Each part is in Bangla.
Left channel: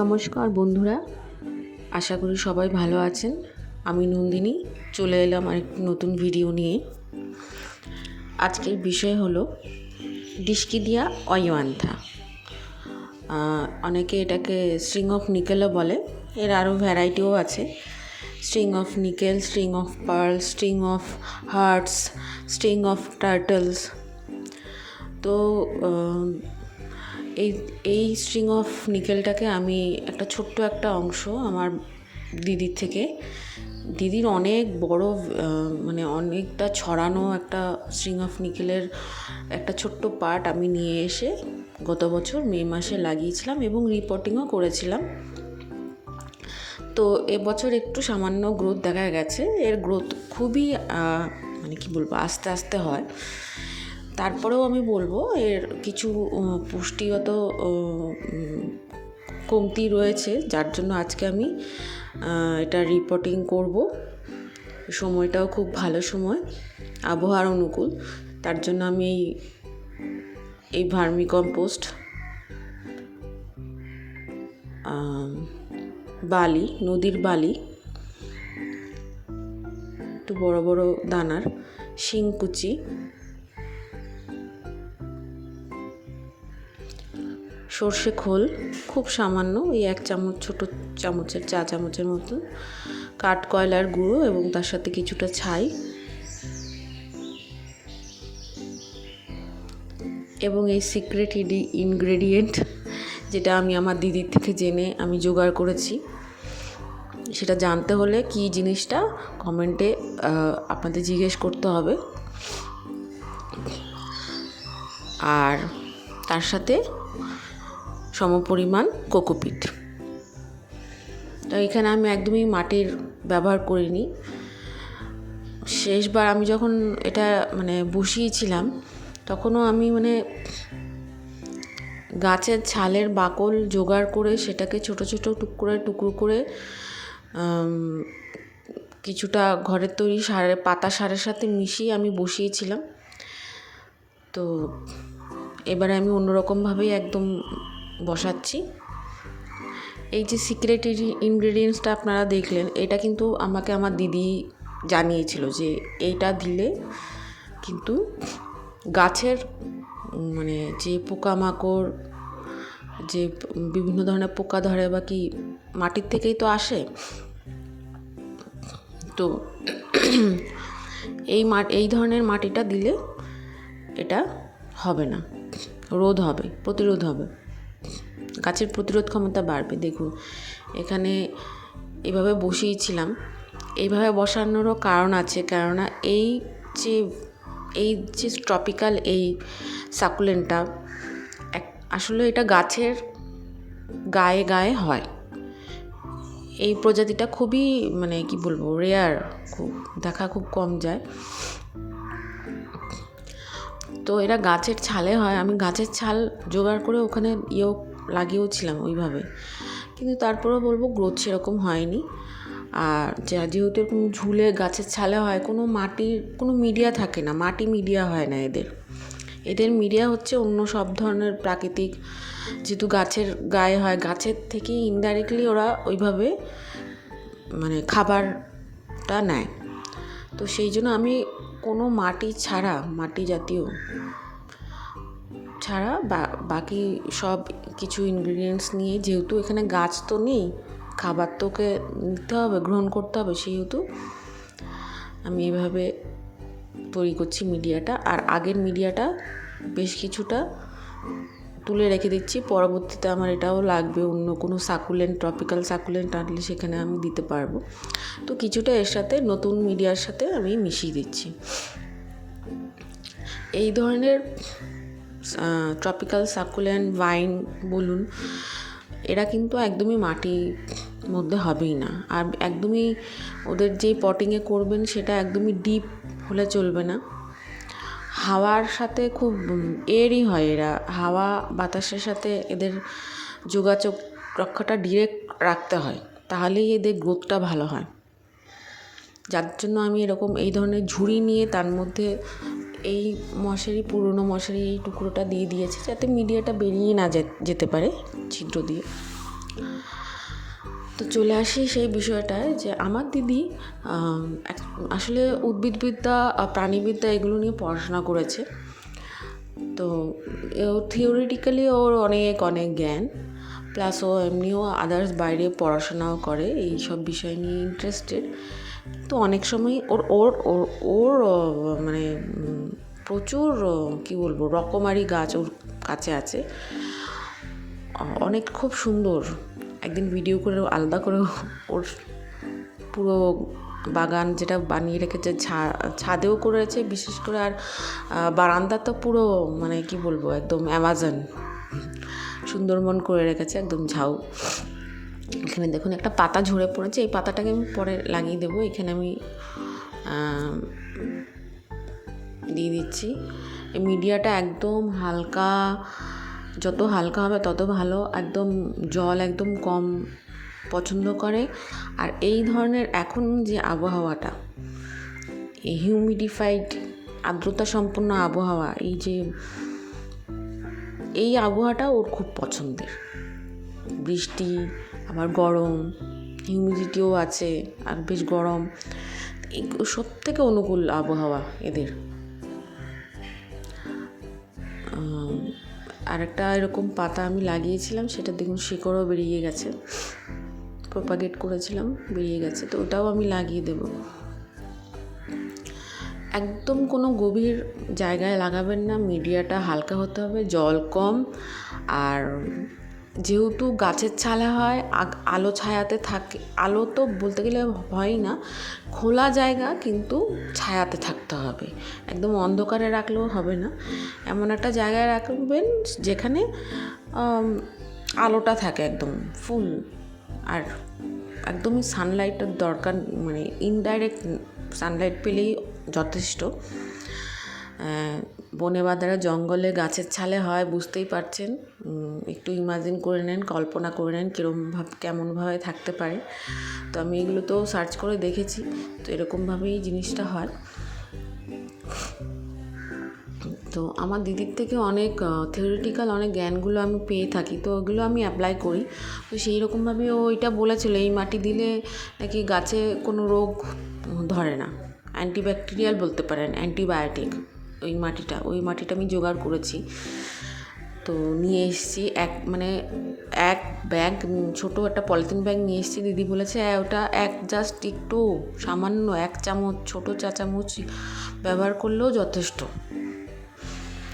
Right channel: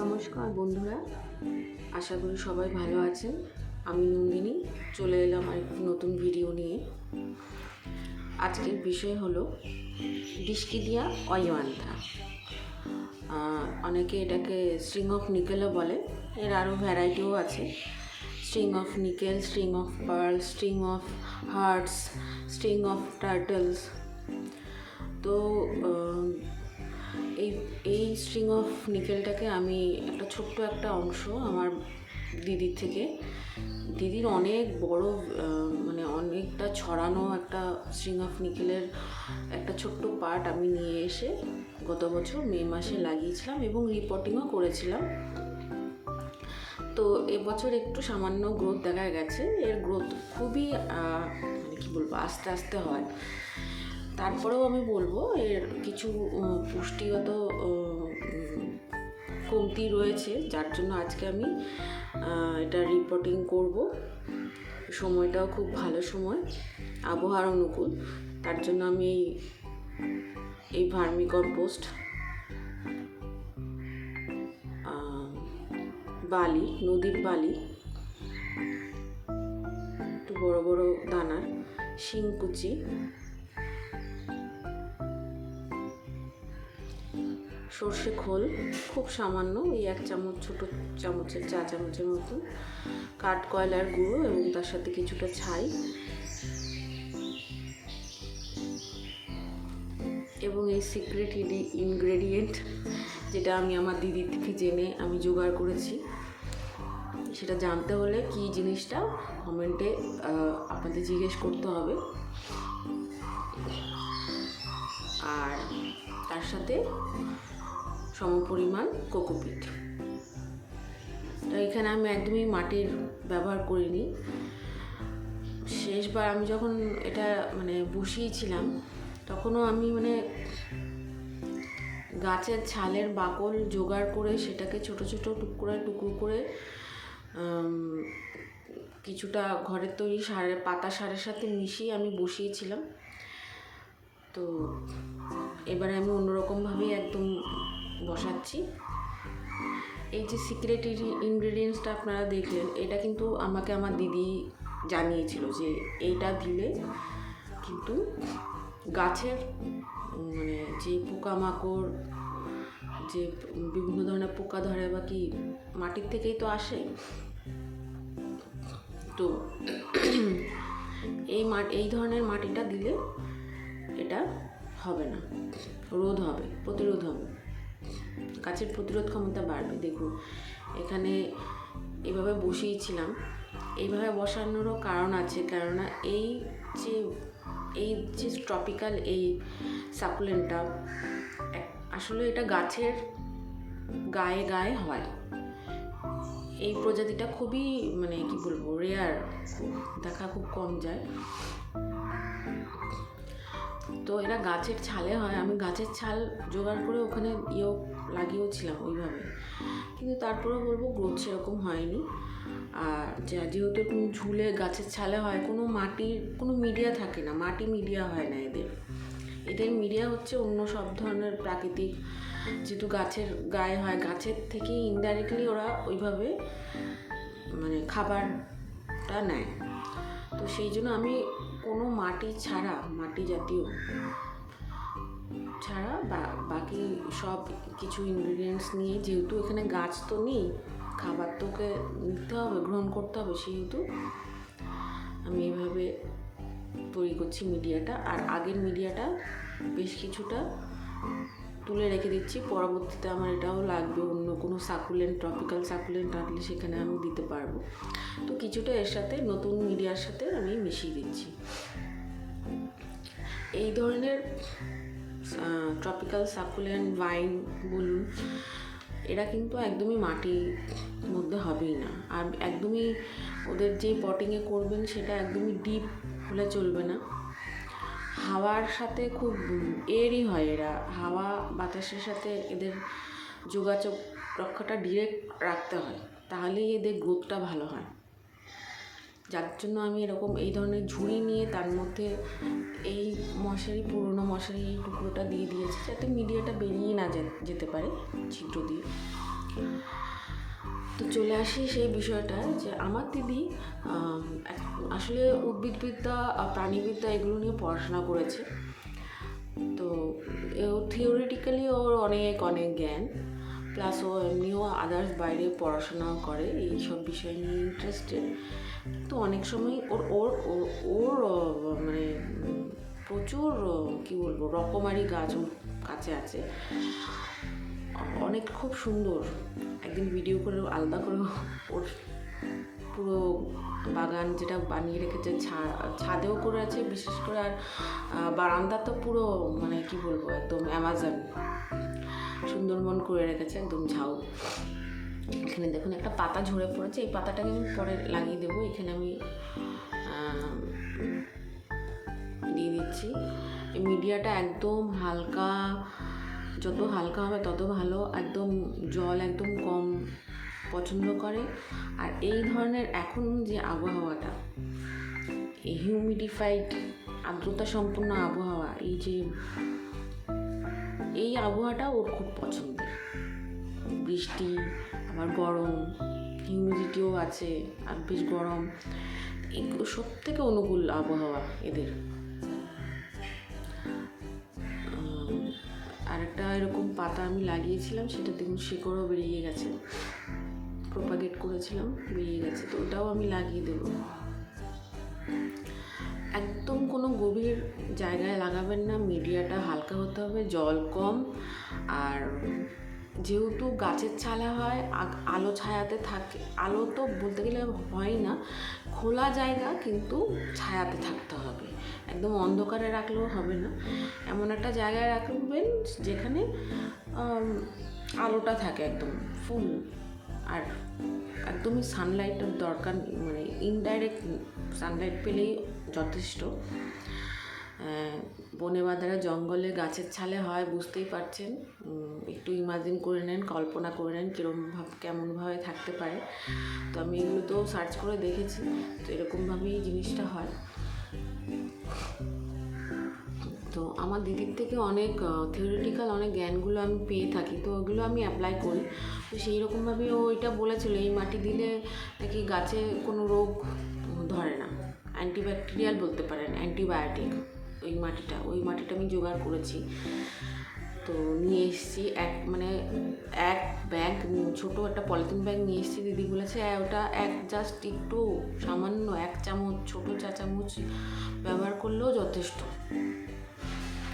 নমস্কার বন্ধুরা, আশা করি সবাই ভালো আছেন। আমি নন্দিনী চলে এলাম আরেকটি নতুন ভিডিও নিয়ে। আজকের বিষয় হলো ডিস্কিডিয়া অয়ুয়ান্থা। অনেকে এটাকে স্ট্রিং অফ নিকেলও বলে। এর আরও ভ্যারাইটিও আছে, string of nickel, string of pearl, string of hearts, string of turtles. তো এই স্ট্রিং অফ নিকেলটাকে আমি ছোট্ট একটা অংশ আমার দিদির থেকে, দিদির অনেক বড় অনেকটা ছড়ানো একটা স্ট্রিং অফ নিকেলের একটা ছোট্ট পার্ট আমি নিয়ে এসে গত বছর মে মাসে লাগিয়েছিলাম এবং রিপোর্টিংও করেছিলাম। তো এবছর একটু সামান্য গ্রোথ দেখা গেছে। এর গ্রোথ খুবই আস্তে আস্তে হয়। তারপরেও আমি বলবো এর কিছু পুষ্টিগত কমতি রয়েছে, যার জন্য আজকে আমি এটা রিপোর্টিং করব। সময়টাও খুব ভালো সময়, আবহাওয়ার অনুকূল। তার জন্য আমি এই ভার্মি কম্পোস্ট, বালি, নদীর বালি, একটু বড় বড় দানার শিংকুচি, সর্ষে খোল খুব সামান্য, এই 1 চামচ, ছোটো চামচের, চা চামচের মতো, কাঠ কয়লার গুঁড়ো এবং তার সাথে কিছুটা ছাই এবং এই সিক্রেট ইনগ্রেডিয়েন্ট যেটা আমি আমার দিদির থেকে জেনে আমি জোগাড় করেছি। সেটা জানতে হলে কি জিনিসটা কমেন্টে আপনাদের জিজ্ঞেস করতে হবে। আর তার সাথে সমপরিমাণ কোকোপিট। তো এখানে আমি একদমই মাটির ব্যবহার করিনি। শেষবার আমি যখন এটা বসিয়েছিলাম, তখনও আমি গাছের ছালের বাকল জোগাড় করে সেটাকে ছোট ছোট টুকরো করে কিছুটা ঘরের তৈরি পাতা সারের সাথে মিশিয়ে আমি বসিয়েছিলাম। তো এবারে আমি অন্যরকমভাবেই একদম বসাচ্ছি। এই যে সিক্রেট ইনগ্রেডিয়েন্টসটা আপনারা দেখলেন, এটা কিন্তু আমাকে আমার দিদি জানিয়েছিল যে এইটা দিলে কিন্তু গাছের যে পোকামাকড়, যে বিভিন্ন ধরনের পোকা ধরে বা কি মাটির থেকেই তো আসে, তো এই ধরনের মাটিটা দিলে এটা হবে না, প্রতিরোধ হবে, গাছের প্রতিরোধ ক্ষমতা বাড়বে। দেখুন এখানে এইভাবে বসিয়েছিলাম। এইভাবে বসানোরও কারণ আছে, কেননা এই যে ট্রপিক্যাল এই সাকুলেন্টটা আসলে এটা গাছের গায়ে গায়ে হয়। এই প্রজাতিটা খুবই রেয়ার, দেখা খুব কম যায়। তো এরা গাছের ছালে হয়। আমি গাছের ছাল জোগাড় করে ওখানে লাগিয়েওছিলাম ওইভাবে, কিন্তু তারপরেও বলবো গ্রোথ সেরকম হয়নি। আর যেহেতু এরকম ঝুলে গাছের ছালে হয়, কোনো মিডিয়া থাকে না, মাটি মিডিয়া হয় না এদের মিডিয়া হচ্ছে অন্য সব ধরনের প্রাকৃতিক, যেহেতু গাছের গায়ে হয়, গাছের থেকে ইনডাইরেক্টলি ওরা ওইভাবে খাবারটা নেয়। তো সেই জন্য আমি কোনো মাটি জাতীয় ছাড়া বাকি সব কিছু ইনগ্রিডিয়েন্টস নিয়ে, যেহেতু এখানে গাছ তো নেই, খাবার তো ওকে নিতে হবে, গ্রহণ করতে হবে, সেহেতু আমি এইভাবে তৈরি করছি মিডিয়াটা। আর আগের মিডিয়াটা বেশ কিছুটা তুলে রেখে দিচ্ছি, পরবর্তীতে আমার এটাও লাগবে, অন্য কোনো ট্রপিক্যাল সাকুলেন্ট আনলে সেখানে আমি দিতে পারবো। তো কিছুটা এর সাথে নতুন মিডিয়ার সাথে আমি মিশিয়ে দিচ্ছি। এই ধরনের ট্রপিক্যাল সাকুলেন্ট, ভাইন বলুন, এরা কিন্তু একদমই মাটির মধ্যে হবেই না। আর একদমই ওদের যে পটিংয়ে করবেন সেটা একদমই ডিপ হলে চলবে না। হাওয়ার সাথে খুব এরই হয়, এরা হাওয়া বাতাসের সাথে এদের যোগাযোগ রক্ষাটা ডিরেক্ট রাখতে হয়, তাহলেই এদের গ্রোথটা ভালো হয়। যার জন্য আমি এই ধরনের ঝুড়ি নিয়ে তার মধ্যে এই পুরনো মশারি টুকরোটা দিয়ে দিয়েছি, যাতে মিডিয়াটা বেরিয়ে না যেতে পারে ছিদ্র দিয়ে। তো চলে আসি সেই বিষয়টায় যে আমার দিদি আসলে উদ্ভিদবিদ্যা প্রাণীবিদ্যা এগুলো নিয়ে পড়াশোনা করেছে। তো থিওরিটিক্যালি ওর অনেক অনেক জ্ঞান, প্লাস ও এমনিও আদার্স বাইরে পড়াশোনাও করে, এই সব বিষয় নিয়ে ইন্টারেস্টেড। তো অনেক সময় ওর ওর ওর ওর মানে প্রচুর কী বলবো রকমারি গাছ ওর কাছে আছে, অনেক খুব সুন্দর। একদিন ভিডিও করে আলাদা করে ওর পুরো বাগান যেটা বানিয়ে রেখেছে, ছাদেও করেছে বিশেষ করে, আর বারান্দা তো পুরো মানে কি বলবো একদম অ্যামাজন সুন্দরবন করে রেখেছে, একদম ঝাউ। এখানে দেখুন একটা পাতা ঝরে পড়েছে, এই পাতাটাকে আমি পরে লাগিয়ে দেবো। এখানে আমি দিয়ে দিচ্ছি। এই মিডিয়াটা একদম হালকা, যত হালকা হবে তত ভালো, একদম জল একদম কম পছন্দ করে। আর এই ধরনের এখন যে আবহাওয়াটা, এই হিউমিডিফাইড আর্দ্রতা সম্পন্ন আবহাওয়া, এই আবহাওয়াটা ওর খুব পছন্দের। বৃষ্টি, আবার গরম, হিউমিডিটিও আছে, আর বেশ গরম, সব থেকে অনুকূল আবহাওয়া এদের। আরেকটা এরকম পাতা আমি লাগিয়েছিলাম, সেটা দেখুন শিকড়ও বেরিয়ে গেছে, প্রপাগেট করেছিলাম, বেরিয়ে গেছে, তো ওটাও আমি লাগিয়ে দেব। একদম কোনো গভীর জায়গায় লাগাবেন না, মিডিয়াটা হালকা হতে হবে, জল কম। আর যেহেতু গাছের ছালে হয়, আলো ছায়াতে থাকে, আলো তো বলতে গেলে হয় না, খোলা জায়গা কিন্তু ছায়াতে থাকতে হবে, একদম অন্ধকারে রাখলেও হবে না, এমন একটা জায়গায় রাখবেন যেখানে আলোটা থাকে একদম ফুল, আর একদমই সানলাইটের দরকার, মানে ইনডাইরেক্ট সানলাইট পেলেই যথেষ্ট। বনে বাঁধারা জঙ্গলে গাছের ছালে হয়, বুঝতেই পারছেন, একটু ইমাজিন করে নেন, কল্পনা করে নেন কেমনভাবে থাকতে পারে। তো আমি এগুলো তো সার্চ করে দেখেছি, তো এরকমভাবেই জিনিসটা হয়। তো আমার দিদির থেকে অনেক থিওরিটিক্যাল অনেক জ্ঞানগুলো আমি পেয়ে থাকি, তো ওগুলো আমি অ্যাপ্লাই করি। তো সেই রকমভাবে ও এটা বলেছিল, এই মাটি দিলে নাকি গাছে কোনো রোগ ধরে না, অ্যান্টিব্যাকটেরিয়াল বলতে পারেন, অ্যান্টিবায়োটিক। ওই মাটিটা আমি জোগাড় করেছি, তো নিয়ে এসেছি। এক ব্যাগ, ছোটো একটা পলিথিন ব্যাগ নিয়ে এসেছি। দিদি বলেছে ওটা জাস্ট একটু সামান্য 1 চামচ, ছোটো চা চামচ ব্যবহার করলেও যথেষ্ট।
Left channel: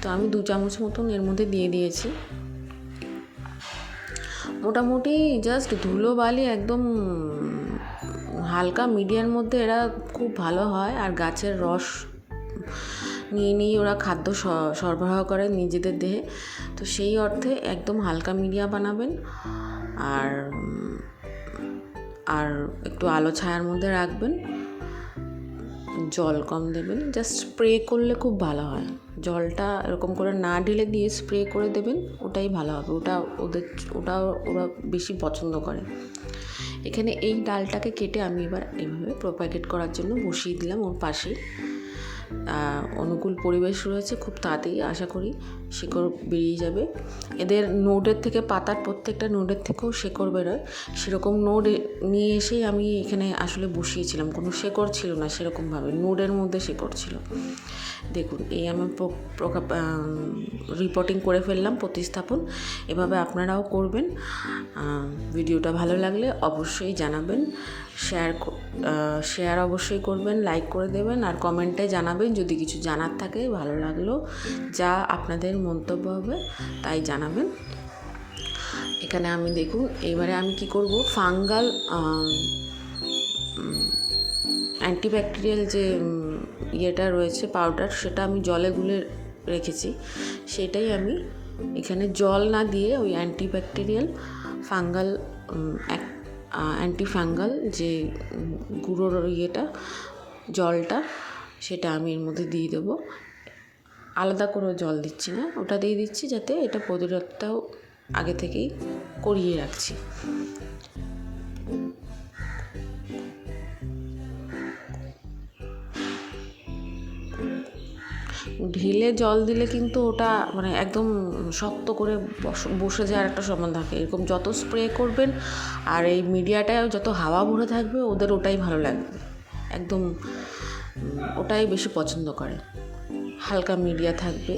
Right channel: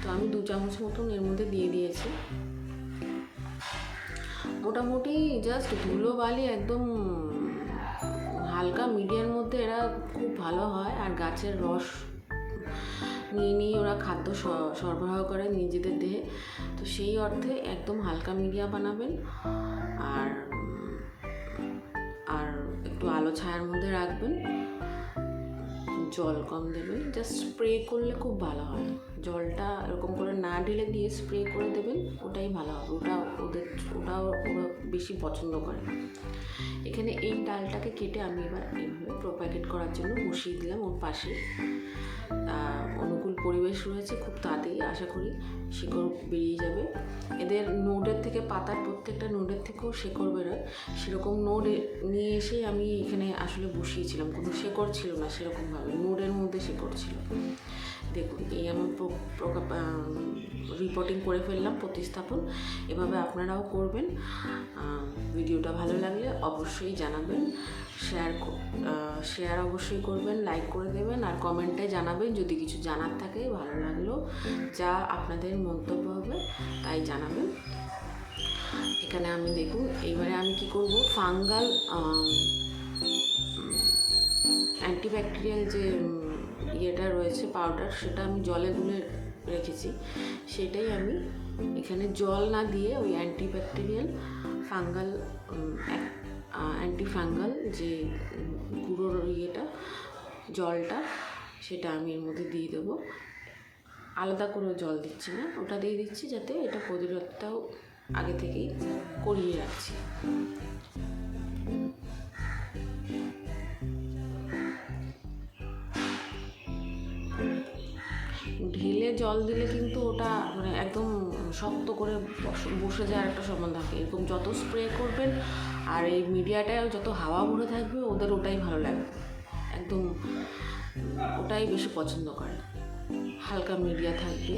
তো আমি 2 চামচ মতন এর মধ্যে দিয়ে দিয়েছি। মোটামুটি জাস্ট ধুলো বালি একদম হালকা মিডিয়ার মধ্যে এরা খুব ভালো হয়, আর গাছের রস নিয়ে ওরা খাদ্য সরবরাহ করে নিজেদের দেহে। তো সেই অর্থে একদম হালকা মিডিয়া বানাবেন, আর একটু আলো ছায়ার মধ্যে রাখবেন, জল কম দেবেন, জাস্ট স্প্রে করলে খুব ভালো হয়। জলটা এরকম করে না ঢেলে দিয়ে স্প্রে করে দেবেন, ওটাই ভালো হবে, ওরা বেশি পছন্দ করে। এখানে এই ডালটাকে কেটে আমি এবার এইভাবে প্রপাগেট করার জন্য বসিয়ে দিলাম ওর পাশে। অনুকূল পরিবেশ রয়েছে, খুব তাড়াতাড়ি আশা করি শিকড় বেরিয়ে যাবে। এদের নোডের থেকে, পাতার প্রত্যেকটা নোডের থেকেও শিকড় বেরোয়, সেরকম নোড নিয়ে এসেই আমি এখানে আসলে বসিয়েছিলাম। কোনো শিকড় ছিল না সেরকমভাবে, নোডের মধ্যে শিকড় ছিল। দেখুন, এই আমি রিপোর্টিং করে ফেললাম, প্রতিস্থাপন। এভাবে আপনারাও করবেন। ভিডিওটা ভালো লাগলে অবশ্যই জানাবেন, শেয়ার অবশ্যই করবেন, লাইক করে দেবেন, আর কমেন্টে জানাবেন যদি কিছু জানার থাকে, ভালো লাগলো যা আপনাদের মন্তব্য হবে তাই জানাবেন। এখানে আমি দেখুন, এবারে আমি কি করব, ফাঙ্গাল অ্যান্টিব্যাকটেরিয়াল যে ইয়েটা রয়েছে পাউডার, সেটা আমি জলে গুলে রেখেছি, সেটাই আমি এখানে জল না দিয়ে ওই অ্যান্টিব্যাকটেরিয়াল অ্যান্টিফাঙ্গাল যে গুঁড়োর জলটা, সেটা আমি এর মধ্যে দিয়ে দেবো। আলাদা করে জল দিচ্ছি না, ওটা দিয়ে দিচ্ছি যাতে এটা প্রতিরোধটাও আগে থেকেই করিয়ে রাখছি। ঢেলে ঢেলে জল দিলে কিন্তু ওটা মানে একদম শক্ত করে বসে যাওয়ার একটা সম্ভাবনা থাকে। এরকম যত স্প্রে করবেন আর এই মিডিয়াটায় যত হাওয়া ভরে থাকবে ওদের ওটাই ভালো লাগবে, একদম ওটাই বেশি পছন্দ করে। হালকা মিডিয়া থাকবে,